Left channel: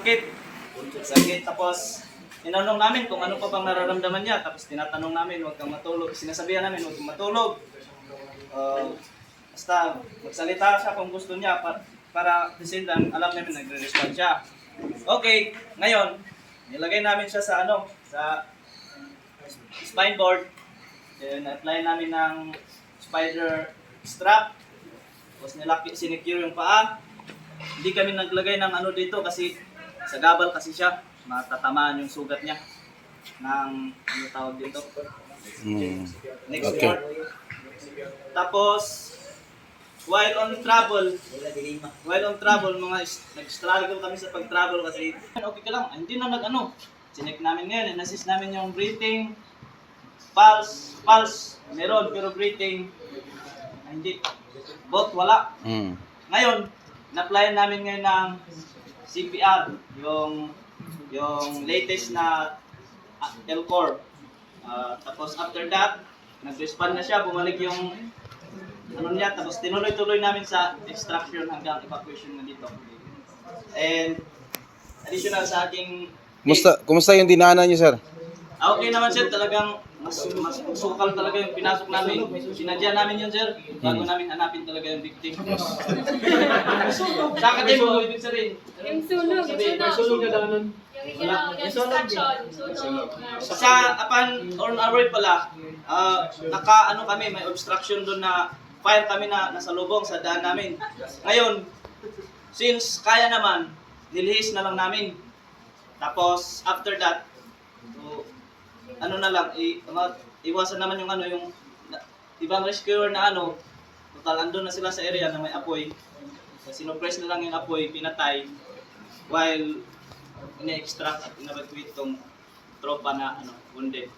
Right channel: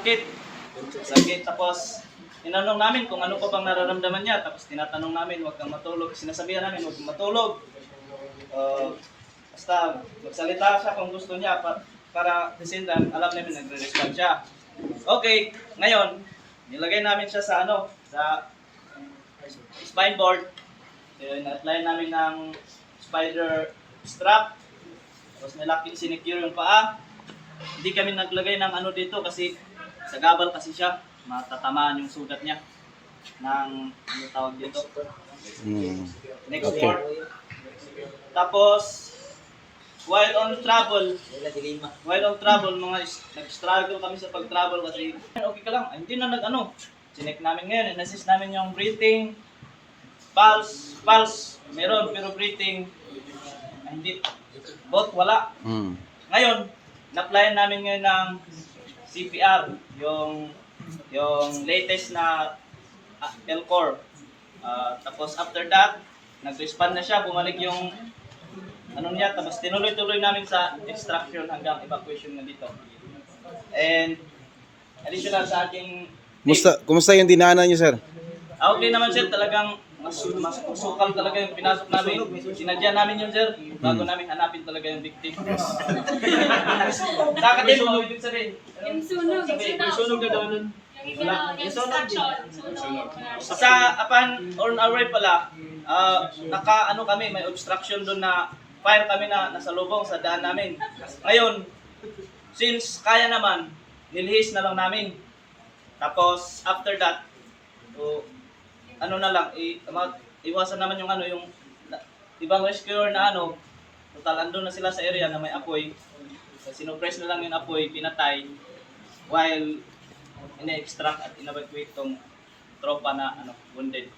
Sakit. Sakit. Tapos, tinanong namin kung ano pa bang nararamdaman niya. Tapos, tinatanong namin, huwag kang matulog. Sinasabihan namin, huwag kang matulog. Basta, magsalita siya kung gusto niya para kasi alam namin nagre-respond siya. Okay, ngayon, nilagay namin siya sa sa spine board. Na-apply namin ng spider strap. Tapos sinecure yung paa. Hindi kami naglagay ng dito kasi sa gabal kasi siya. Matatamaan yung sugat niya ng tawag dito. Next Okay. board. Tapos, while on travel, nag-struggle kami sa pag-travel kasi okay ka lang, hindi na Chinek namin ngayon, in-assist namin yung breathing, pulse, meron, pero breathing, hindi. Both wala. Ngayon, na-applyan namin ngayon ng CPR, yung latest na L-Core. Tapos after that, nag-respond na siya, bumalik yung niya, tapos tinuloy-tuloy namin sa extraction hanggang evacuation na dito. And additional sa aking Kumusta yung dinaanan niyo, sir? okay naman sir, talagang mas sukal talaga yung pinasok namin. Sinadya namin yun sir, bago namin hanapin talaga yung victim. Dapat din mo ibig sabihin. Yung sunog. Sunog na daanan. Yung instruction. Sunog. Sa on our way pala, kami, may obstruction doon na fire kami na nasa lubong sa daan namin. Ngayon, since kaya naman, nilihis na lang namin. Tapos after that, so, iwasan naman yung ibang rescuer na total andun na sila sa area na may apoy. So, sinupress na lang yung apoy, pinatay, while ine-extract at in-evacuate tong tropa na wounded.